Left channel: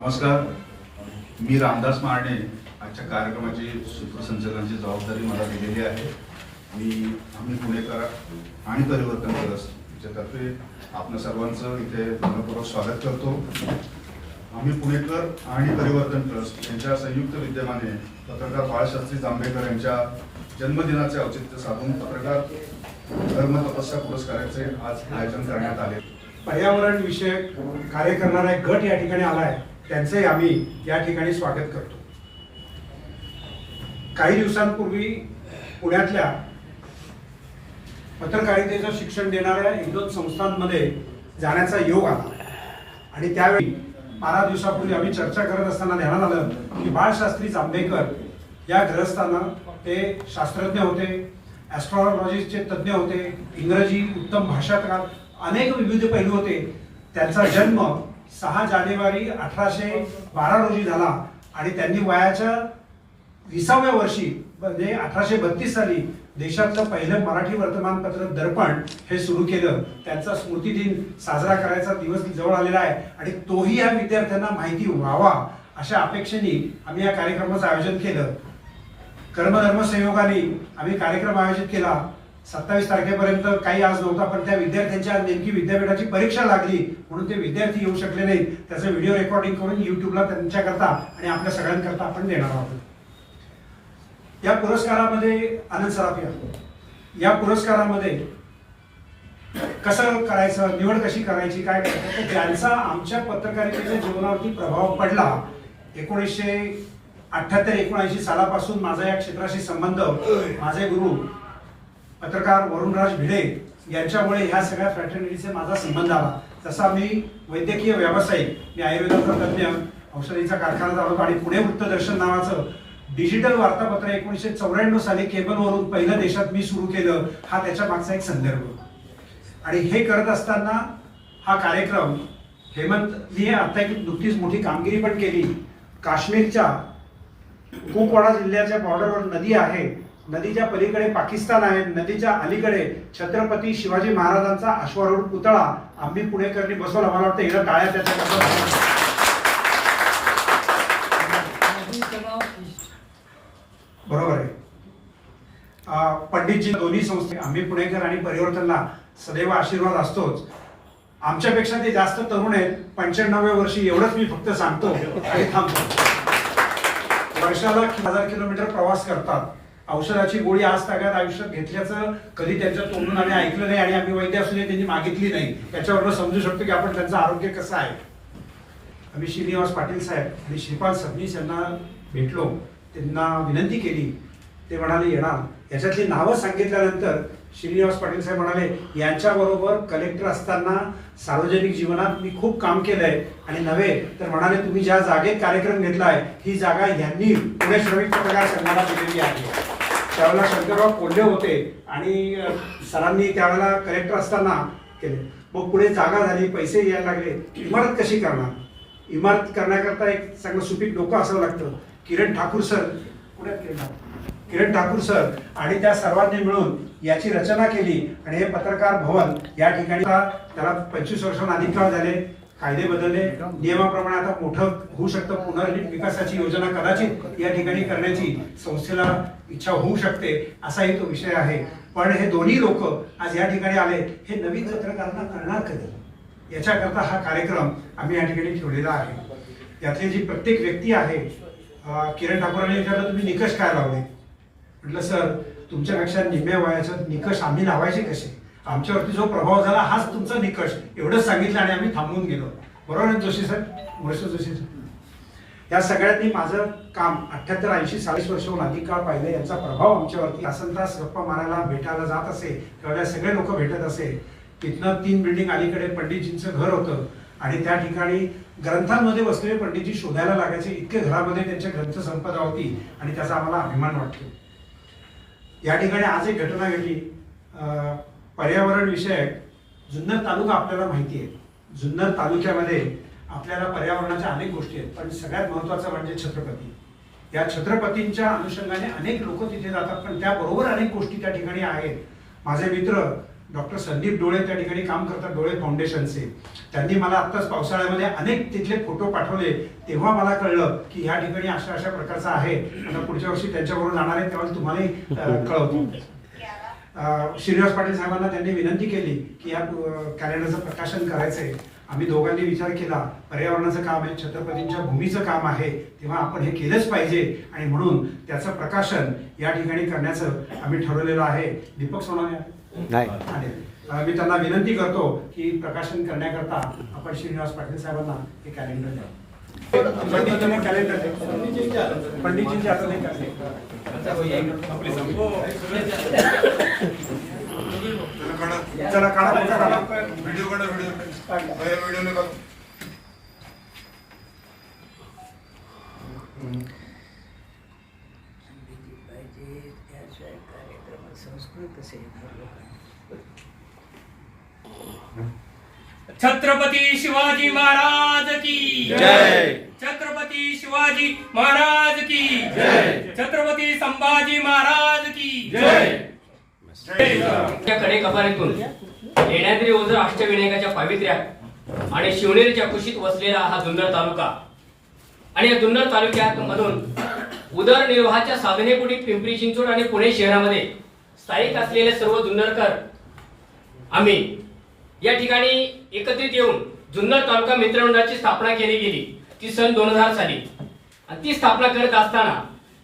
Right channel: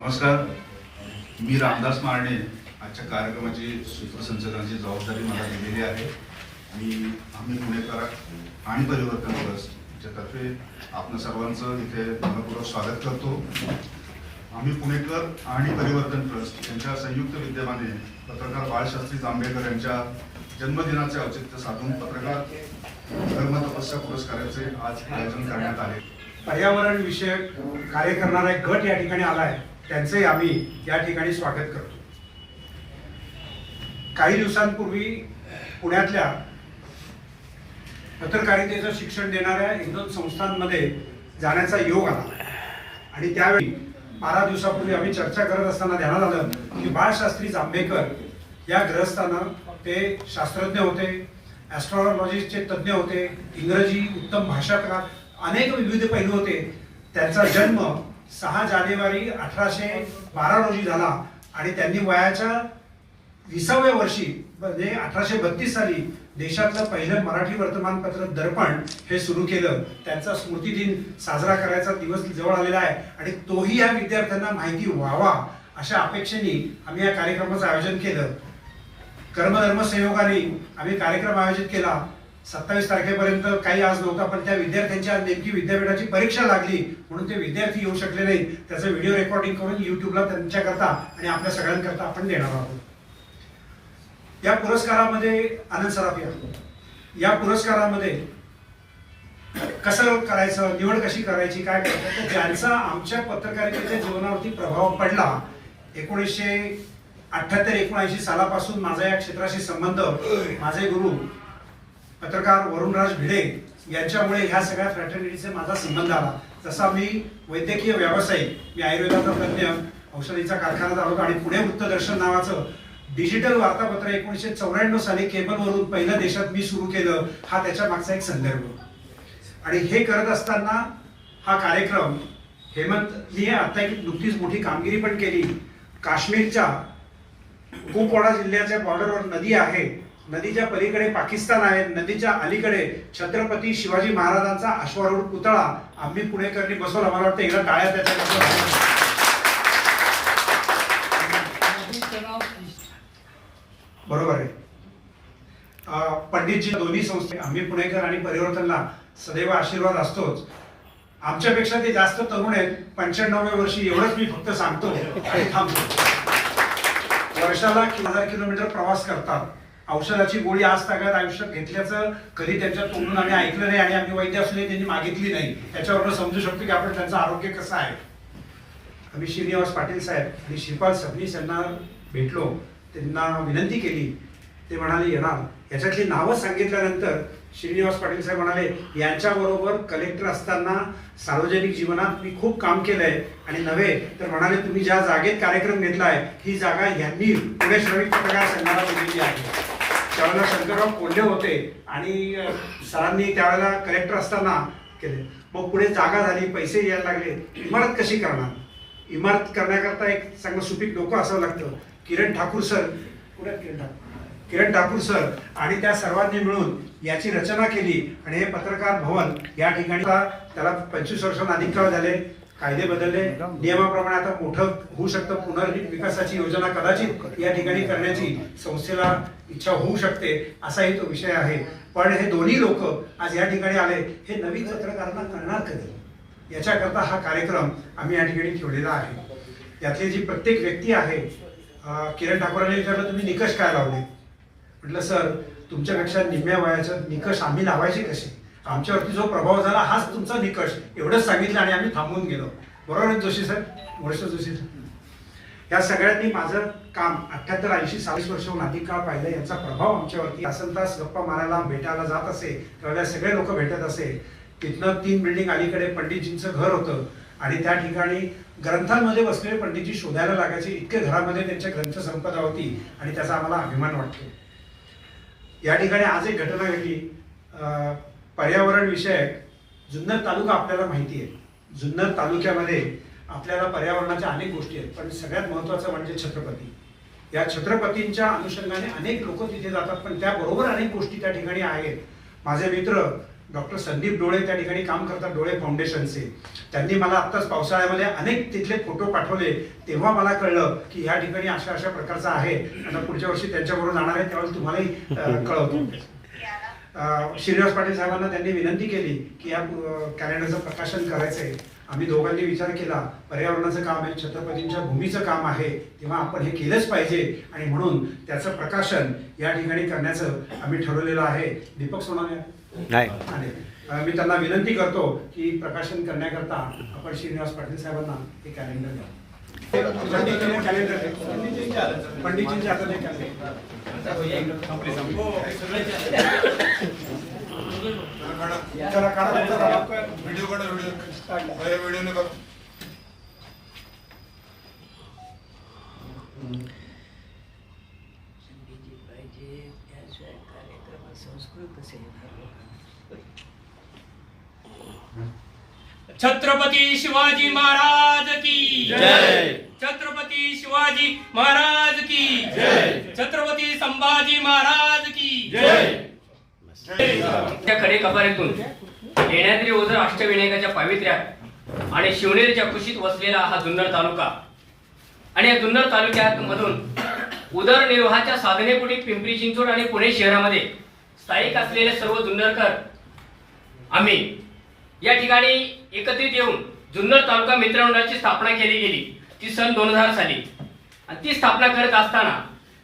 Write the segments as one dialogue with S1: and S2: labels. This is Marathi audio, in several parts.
S1: नमस्कार. मी रामदास मारणे. आजच्या कार्यक्रमाची सूत्रसंचलनाची जबाबदारी मला दिलेली आहे. आणि आम्ही पुणेकर आणि परिवर्तन ट्रस्ट याच्यातर्फे आपण सर्वांचं इथे मनपूर्वक स्वागत करतो. आम्ही पुणेकर आणि परिवर्तन ट्रस्ट यांच्या संयुक्त विद्यमाने पत्रकार बाळशास्त्री जांभेकर यांच्या जन्मदिनाचे औचित्य साधून पत्रकार धर्म तपस्या पुरस्काराचे आज आयोजन करण्यात आले.
S2: पर्यावरण विषयक कार्य करणारा एक गट या ठिकाणी आलाय त्यांचंही आम्ही या ठिकाणी स्वागत करतो. काही दिवसांपूर्वी पुण्यातल्या पत्रकारितेचं शिक्षण देणाऱ्या एक दोन संस्थांमध्ये जाण्याचा योग आला. आणि त्यावेळी बारा दिवसापूर्वी आम्ही चर्चा करत असताना ध्यानात आलं की बाळशास्त्री जांभेकर या ग्रहस्थानं ते शास्त्रज्ञ होते ॲस्ट्रॉलॉजीचे तज्ज्ञ होते इंग्रजी उत्तम भाषाकार अनेक विविध पैलू होते. त्यांचा जन्म सहा जानेवारी अठराशे बारा रोजी झाला आणि त्यांनी वयाच्या विसाव्या वर्षी म्हणजे अठराशे बत्तीस साली देशातलं पहिलं मराठी वर्तमानपत्र दर्पण हे सुरू केलं. त्यांचा स्मृतिदिन साजरा करायचा दिवस जवळ आलेला आहे आणि तोही या विद्यार्थ्यांना माहिती व्हावा अशा अपेक्षेने आम्ही या कार्यक्रमाचं आयोजन केलं. कर्मधर्म संयोगाने आम्ही कार्यक्रम आयोजित केला. सत्तावीस तारखेपर्यंत काही आज नव्हता पण त्या विद्यार्थ्यांची आज नेमकी विद्यापीठाची परीक्षा लागली म्हणून ते विद्यार्थी येऊ शकले नाही त्याचं व्हिडिओ रेकॉर्डिंग करून युट्यूबला त्यांच्याकरता आणि आपल्या सगळ्यांकरता आपण देणार आहोत. या पुरस्कारामध्ये आनंद सराफिया या. पुरस्कारामध्ये कसं करायचं निवड कशी करायची काय करायचं तर ज्यांचा आमच्या पत्रकारितेच्या जीवनावरती प्रभाव पडला. एकोणीसशे अठ्ठ्याहत्तर एकोणऐंशी सालापासून माझा या क्षेत्राशी संबंध माझे गुरु पत्रकार वरुणराज भिडे यांच्यामुळे ह्या सगळ्या फ्रॅटर्निटीचा माझा संबंध आला. तसा मी वैद्यकीय व्यावसायिक मी आयुर्वेदाचा तज्ज्ञ औषधीचा कारखाना चालवतो आणि पुणे वृत्तदर्शन नावाचं डिजिटल वार्तापत्र एकोणीसशे चौऱ्याण्णव साली केबलवरून पहिलं देशात मी सुरू केलं हा त्याच्या मागचा एक संदर्भ. आणि हे करत असताना हा कार्यक्रम हेमंतनी आता एक नुकतीच मोठी कामगिरी पण केली. काश्मीरच्या कुपवाडा जिल्ह्याच्या बॉर्डरवर नदी आहे. नदीच्या पलीकडे पाकिस्तान आहे नदीच्या अलीकडे छत्रपती शिवाजी महाराजांचा अश्वारूढ पुतळा आम्ही पुणेकरांनी बसवला. मला वाटतं एकदा टाळ्या त्याच्या बरोबर आहे. पंडितजी दोन्ही संस्थे आम्ही पुणेकर आणि परिवर्तनला सदैव आशीर्वाद असतोच. आमच्यापेक्षा ते जास्त तरुण आहेत. पंच्याण्णव्या वर्षी एवढंच मी फक्त सांगतो. थांबतो. वर्षाला हजार किलोमीटर प्रवास करतात. औषधाची गोळी आज तागात आयुष्यात घेतल्याचं कधी त्यांच्या तोंडून आम्ही ऐकलं नाही आणि आम्ही वैद्य असले त्यांनी मागितली नाही याच्यावरून समजू शकतो की आपण त्यांचं आरोग्य कसं आहे. आम्ही श्रीनिवास पाटील साहेब आणि श्रीपाल सबनीस यांना भेटलो त्यांना विनंती केली ते म्हणाले येणार. याच्यातली नावं सांगितल्यानंतर श्रीनिवास पाटील साहेब म्हणाले यांच्याबरोबर कलेक्टर असताना सार्वजनिक जीवनात मी खूप काम केलं आहे आणि नव्हे तर म्हणाले तुम्ही ज्या जागेत कार्यक्रम घेतला आहे ही जागा यांनी पुणे श्रमिक पत्रकार संघाला दिलेली आहे. त्यावेळेला शंकरराव कोल्हे होते आणि सरांनी त्यावेळेला कलेक्टर असताना केले. मग पुढे जागा झाली पैसे यायला लागले. इमारत कशी करणार? इमारत करण्याकरता एक चांगलं सुपीक डोकं असावं लागतं. किरण ठाकूर सर कुठे किरण ठाकूर? किरण ठाकूर सर आणि त्या सर्वांनी मिळून याची रचना केली. आणि हे पत्रकार भवन या ठिकाणी त्याला पंचवीस वर्षांना अधिक काळ झाले. कायदे बदलले. नियमाप्रमाणे आता मोठं होऊ शकतं पुनर्विकासाची योजना कदाचित या ठिकाणी करण्याची संस्थेला इच्छा होऊ शकते असाही तो विषय आहे. पण हे दोन्ही लोक आज या ठिकाणी आले हे नवीन पत्रकारांना करणार कधी? याच्याकरता हा कार्यक्रम आम्ही या ठिकाणी ठेवलेला आहे. यातली जी प्रत्येक व्यक्ती आहे किरण ठाकूरांनी विचारलं तुम्ही निकष काय लावले? म्हटलं सर तुमच्यापेक्षा निम्म्या वयाचं निकष आम्ही लावायचे कसे? आमच्यावरती जो प्रभाव झाला हाच तुमचा निकष. एवढंच सांगितलं आणि आम्ही थांबून गेलो. बरोबर जोशी सर मुळेश्वर जोशी सर या सगळ्यांनी माझं काम अठ्याहत्तर ऐंशी चाळीस वर्षाहून अधिक काळ पाहिलं याचा प्रभाव आमच्यावरती तासन तास गप्पा मारायला भेटायला जात असे तेव्हा सगळे लोक भेटत असे. तिथनं तीन बिल्डिंग अलीकडे पंडितजींचं घर होतं. आणि त्या ठिकाणी ग्रंथांमध्ये बसलेले पंडितजी शोधायला लागायचे. इतके घरामध्ये त्यांच्या ग्रंथ संपदा होती आणि त्याचा आम्हाला अभिमान वाटतो. या ठिकाणी आज एक घटना घडली. पर्यावरण विषयक जुन्नर तालुका आपल्याला माहिती आहे. जुन्नर तालुक्यामध्ये आपल्याला पर्यावरणाच्या अनेक गोष्टी आहेत. पण सगळ्यात महत्त्वाचं म्हणजे छत्रपती. या छत्रपतींच्या अनुषंगाने अनेक लोक तिथे जातात पण त्याबरोबर अनेक गोष्टी त्या ठिकाणी आहेत. माझे मित्र डॉक्टर संदीप डोळे त्या ठिकाणी काम करतात डोळे फाउंडेशनचे. त्यांनी मला आत्ताच पावसाळ्यामध्ये अनेक तिथले फोटो पाठवले. तेव्हा मला कळलं की ह्या ठिकाणी अशा अशा प्रकारचा आहे. आता पुढच्या वर्षी त्यांच्याबरोबर जाणार आहे त्यावेळेस तुम्हालाही कळवतो. श्रीनिवास पाटील साहेबांना त्यांनी विनंती केली की या कॅलेंडरचं प्रकाशन करायचंय. आम्ही दोघांनी विचार केला पर्यावरणाचं काम आहे छत्रपतींच्या भूमीचं काम आहे तेव्हा आपण हे केलंच पाहिजे. आणि म्हणून त्याचं प्रकाशन या ठिकाणी करण्याचं आम्ही ठरवलेलं आहे. दीपक सोनाने आणि मी त्यांना विनंती करतो की प्रकाशन करण्याकरता आपण श्रीनिवास पाटील साहेबांना हे कॅलेंडर द्या पंडितजीने कॅलेंडर द्या. पंडितजींचे हातात हे कॅलेंडर चला काढा तुमचा काढा
S3: व्हिडिओ काढा व्हिडिओ व्हिडिओ नका
S4: छत्रपती शिवाजी महाराज की
S5: जय.
S4: छत्रपती शिवाजी महाराज की जय। छत्रपती संभाजी महाराज की जय। कडे कपारीतून येण्याद्री ओझर अष्टविनायकाच्या पावित्र्यात आणि शिवनेरीच्या कुशीत वसलेला हा जुन्नर तालुका. आणि या जुन्नर तालुक्यात मधून उदरनिर्वाहाच्या साधनेपोटी पिंपरी चिंचवड आणि पुणे शहरामध्ये स्थायिक असलेले सर्व जुन्नरकर आम्ही या ठिकाणी एकत्रित येऊन जुन्नर तालुका मित्रमंडळाची स्थापना केली गेली. ती सन दोन हजार साली. आणि ती स्थापना करत असताना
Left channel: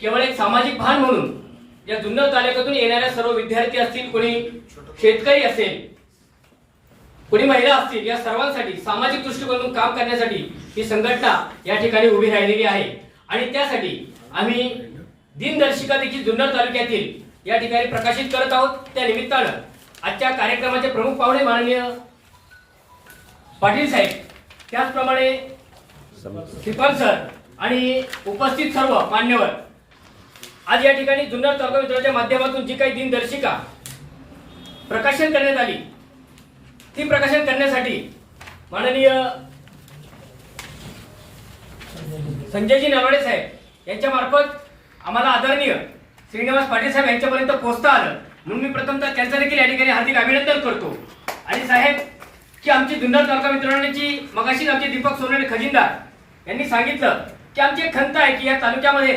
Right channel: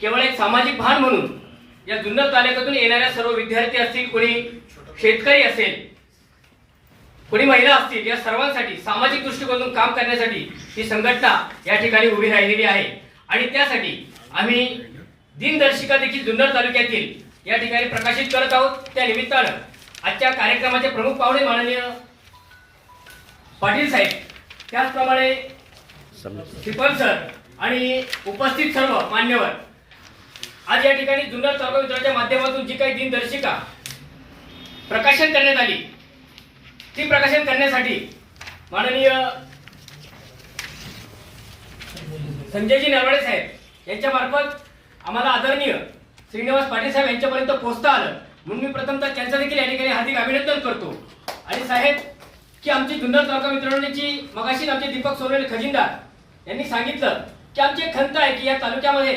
S4: केवळ एक सामाजिक भान म्हणून या जुन्नर तालुक्यातून येणाऱ्या सर्व विद्यार्थी असतील कोणी शेतकरी असेल कोणी महिला असतील या सर्वांसाठी सामाजिक दृष्टिकोनातून काम करण्यासाठी ही संघटना या ठिकाणी उभी राहिलेली आहे. आणि त्यासाठी आम्ही दिनदर्शिका देखील जुन्नर तालुक्यातील या ठिकाणी प्रकाशित करत आहोत. त्या निमित्तानं आजच्या कार्यक्रमाचे प्रमुख पाहुणे माननीय पाटील साहेब. त्याचप्रमाणे शिपल सर आणि उपस्थित सर्व मान्यवर. आज या ठिकाणी जुन्नर तालुका माध्यमातून जी काही दिनदर्शिका प्रकाशन करण्यात आली ती प्रकाशन करण्यासाठी माननीय संजयजी नरवडे साहेब यांच्यामार्फत आम्हाला आदरणीय श्रीनिवास पाटील साहेब यांच्यापर्यंत पोहोचता आलं. म्हणून मी प्रथमतः त्यांचं देखील या ठिकाणी हार्दिक अभिनंदन करतो. आणि साहेब की आमची जुन्नर तालुका मित्रमंडळाची मगाशीच आमचे दीपक सोनवणे खजिनदार यांनी सांगितलं की आमची एक खंत आहे की या तालुक्यामध्ये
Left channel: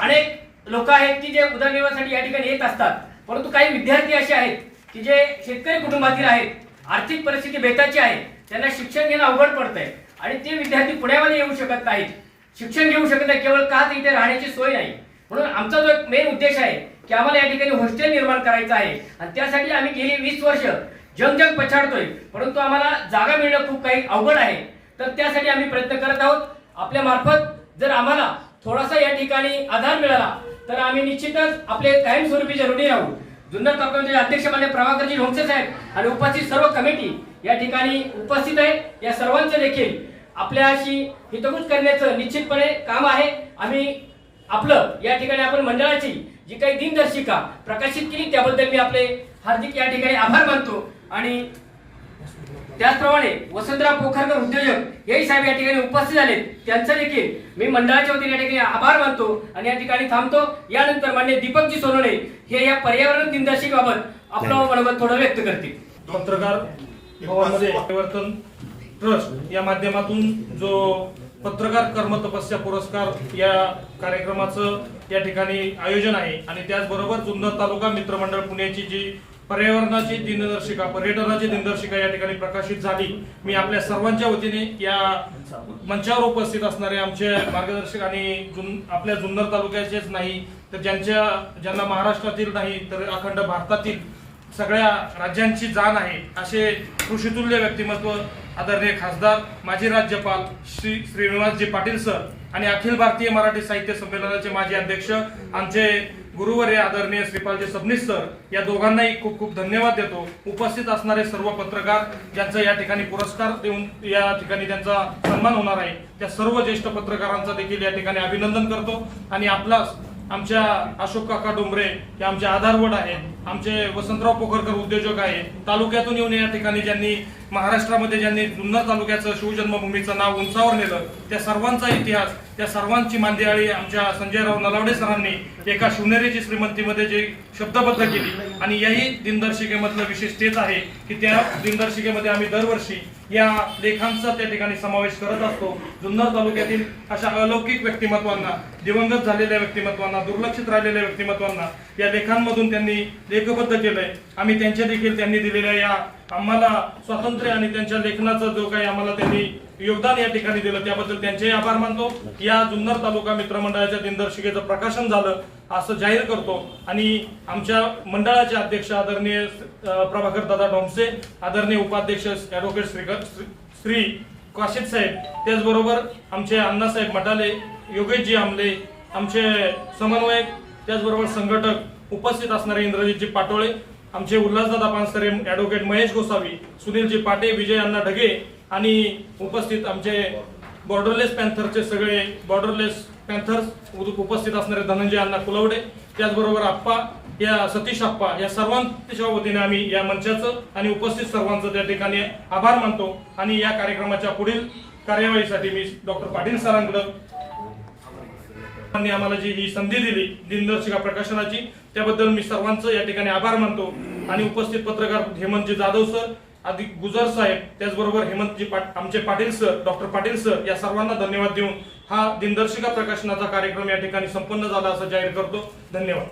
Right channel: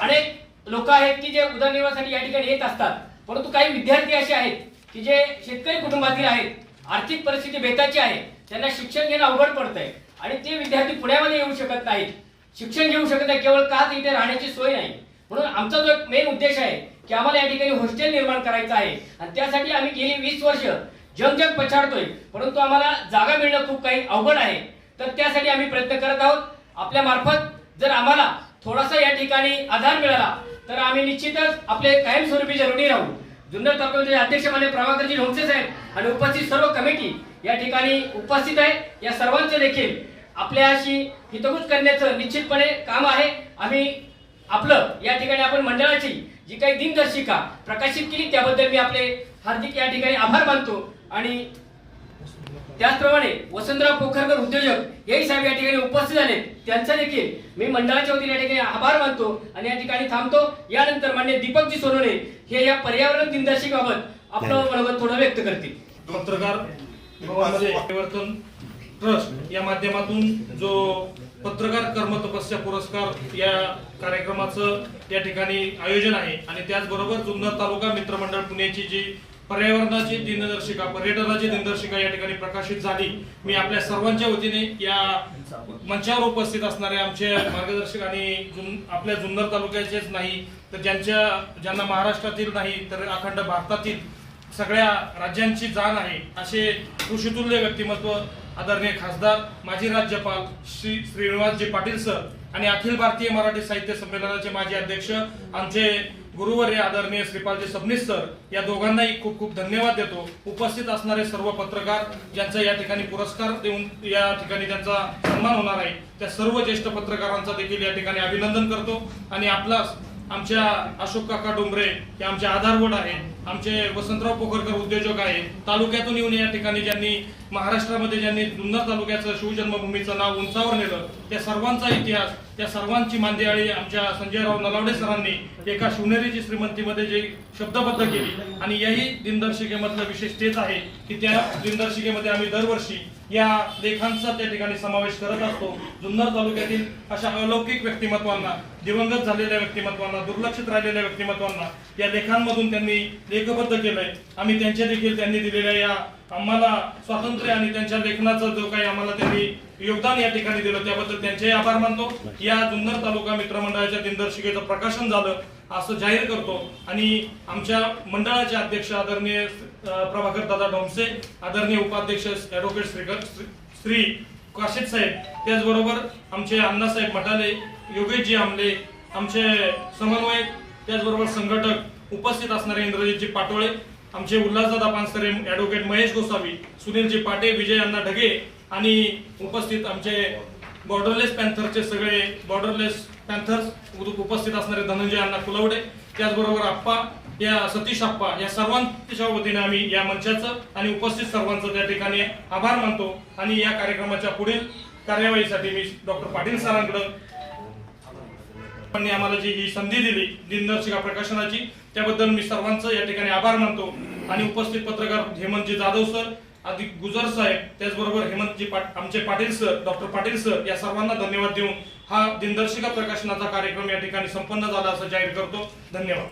S4: अनेक लोक आहेत की जे उदरनिर्वाहासाठी या ठिकाणी येत असतात. परंतु काही विद्यार्थी असे आहेत की जे शेतकरी कुटुंबातील आहेत आर्थिक परिस्थिती बेताची आहे त्यांना शिक्षण घेणं अवघड पडतंय आणि ते विद्यार्थी पुण्यामध्ये येऊ शकत नाहीत. शिक्षण घेऊ शकत नाही केवळ काच इथे राहण्याची सोय नाही. म्हणून आमचा जो एक मेन उद्देश आहे की आम्हाला या ठिकाणी हॉस्टेल निर्माण करायचं आहे. आणि त्यासाठी आम्ही गेली वीस वर्ष जग जग पछाडतोय. परंतु आम्हाला जागा मिळणं खूप काही अवघड आहे. तर त्यासाठी आम्ही प्रयत्न करत आहोत. आपल्या मार्फत जर आम्हाला थोडासा या ठिकाणी आधार मिळाला तर आम्ही निश्चितच आपले कायमस्वरूपी ऋणी राहू. जुन्नर तालुक्याचे अध्यक्ष मान्य प्रभाकरजी ढोंगसे साहेब आणि उपस्थित सर्व कमिटी या ठिकाणी उपस्थित आहे. या सर्वांचे देखील आपल्याशी हितगुज करण्याचं निश्चितपणे काम आहे. आम्ही आपलं या ठिकाणी आपण मंडळाची जी काही दिनदर्शिका प्रकाशित केली त्याबद्दल मी आपले हार्दिक या ठिकाणी आभार मानतो. आणि त्याचप्रमाणे वसंतराव पोखरकर उद्योजक हेही साहेब या ठिकाणी उपस्थित झाले. त्यांचा देखील मी मंडळाच्या वतीने या ठिकाणी आभार मानतो आणि या ठिकाणी थांबतो. यानंतर मान्य दीपकजी सोनवणे हे या पर्यावरण दिनदर्शिकेबाबत आपलं मनोगत थोडं व्यक्त करतील.
S6: पत्रकार परिवर्तन ट्रस्ट या माध्यमातून जो पत्रकार कर्म तपस्या पुरस्कार या कार्यक्रमाचं या ठिकाणी आयोजन आहे. आणि त्याचबरोबर जुन्नर तालुका मित्रमंडळ पुण्याची जी पर्यावरणाची दिनदर्शिका पर्यटनाची दिनदर्शिका या ठिकाणी प्रकाशित झाली मी आपल्या सर्वांच्या वतीने या मंचावर उपस्थित असणारे आमचे मार्गदर्शक आणि जुन आपल्या जुन्नर तालुक्याचेच नाही तर ज्यांच्या ज्यांना महाराष्ट्रातील नाही तर अखंड भारतातील सगळ्या राज्यांची जाण आहे असे कृषीतुल्य व्यक्तिमत्व आदरणीय खासदार माजी राज्यपाल श्री श्रीनिवासजी पाटील सर आणि अखिल भारतीय मराठी साहित्य संमेलनाचे माजी अध्यक्ष आमचे गुरुवर्य आदरणीय श्रीपालजी सबनीस सर या दोघांनाही खूप खूप धन्यवाद देतो. उपस्थित असणारे सर्व पत्रकार ज्यांचा या ठिकाणी पुरस्कार देऊन या ठिकाणी त्यांचा सन्मान होणार आहे त्या सर्व ज्येष्ठ पत्रकारांचा देखील या ठिकाणी अभिनंदन करतो. आणि आपला आमच्या अशोक काका डोंबरे हे आमचे आधारवड आहेत आमचे वसंतराव पोखरकर उद्योजक आहेत तालुक्यातून येऊन या ठिकाणी ज्यांनी महाराष्ट्रामध्ये ज्यांनी जुन्नर तालुक्याचं शिवजन्मभूमीचं नाव उंचावर नेलं त्या सर्वांचा इतिहास त्या सर्वांची मांदियाळी आमच्या संजयराव नलावडे सरांनी एका शिवनेरीची श्रीमंतीमध्ये जे शब्दबद्ध केली. आणि याही दिनदर्शिकेमधलं विशेष तेच आहे की त्या दिनदर्शिकेमध्ये आम्ही दरवर्षी या लेखांचा त्या ठिकाणी समावेश करत असतो. जुन्नर तालुक्यातील अशा अलौकिक व्यक्तिमत्वांना दिवंगत झालेल्या व्यक्तिमत्वांना दुर्लक्षित राहिलेल्या व्यक्तिमत्वांना या लेखांमधून त्यांनी लेखबद्ध केलंय. आम्ही त्यांच्या देखील त्यांनी दिलेल्या या आम्हाला स्वातंत्र्य आणि त्यांच्या लेखनाचं जो काही आम्हाला त्यांनी योगदान या ठिकाणी दिलं त्याबद्दल त्यांचेही आभार मानतो. या जुन्नर तालुका मित्रमंडळाच्या दिनदर्शिकेचं प्रकाशन झालं असं जाहीर करतो. आणि आमच्या मंडळाचे अध्यक्ष आदरणीय प्रभाकर दादा डोमसे आदरणीय उपाध्यक्ष ऍडव्होकेट श्रीकर श्री- श्री काशिद साहेब त्याचबरोबर आमचे अण्णासाहेब मटाले योगेशजी आमले आमचे समन्वयक त्याचबरोबर संघटक उपस्थित असणारे इंद्रजितजी पाटोळे आमचे उल्हासदादा पानसरे ॲडव्होकेट महेश गोसावी सुनीलजी पाटे विजय अण्णा ढगे आणि उपस्थित आमचे बॉर्डरलेस पॅन्थरचे सगळे बॉर्डरलेस पॅन्थर्स उपस्थित असणारे धनंजय अण्णा कुलवडे त्याचबरोबर आप्पा या सतीश आप्पा या सर्वांच्या वतीने आम्ही या मंचाचं आणि उपस्थित सर्वांचं त्या ठिकाणी आभार मानतो. आणि या कार्यक्रमाच्या पुढील कार्यवाहीसाठी मी डॉक्टर पाटील सरांकडं आम्हाला जी ही संधी दिली दिनदर्शिका प्रकाशनाची त्याबद्दल मी सर्वांचं या ठिकाणी आभार मानतो. आणि उपस्थित पत्रकार हेमंतजी जाधव सर अधिक गुजर साहेब त्याचबरोबर हेमंतजी पाट आमचे Patil sir doctor Patil sir या सर्वांना धन्यवाद देऊन हा दिनदर्शिका प्रकाशनाचा कार्यक्रम या ठिकाणी संपन्न झाला असं जाहीर करतो. धन्यवाद.